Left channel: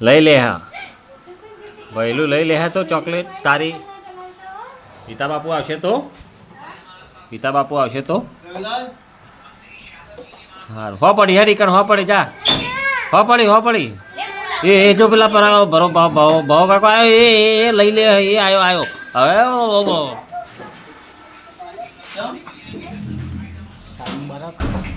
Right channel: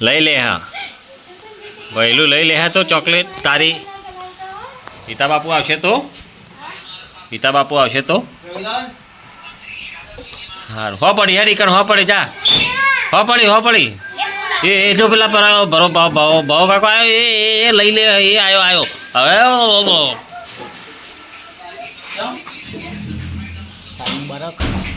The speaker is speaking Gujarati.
લઈ લે હા વહેલું લઈ લે હા તો ચોકલેટ તારી પિતા બાપુ આવશે તો હારું હો પડી હેરી કર હો પડી જા હો પડી એ જો પેલા પર ભરો ભાવ કાકો આવ્યો એ લઈ લે એ આવ્યો હવે બરાબર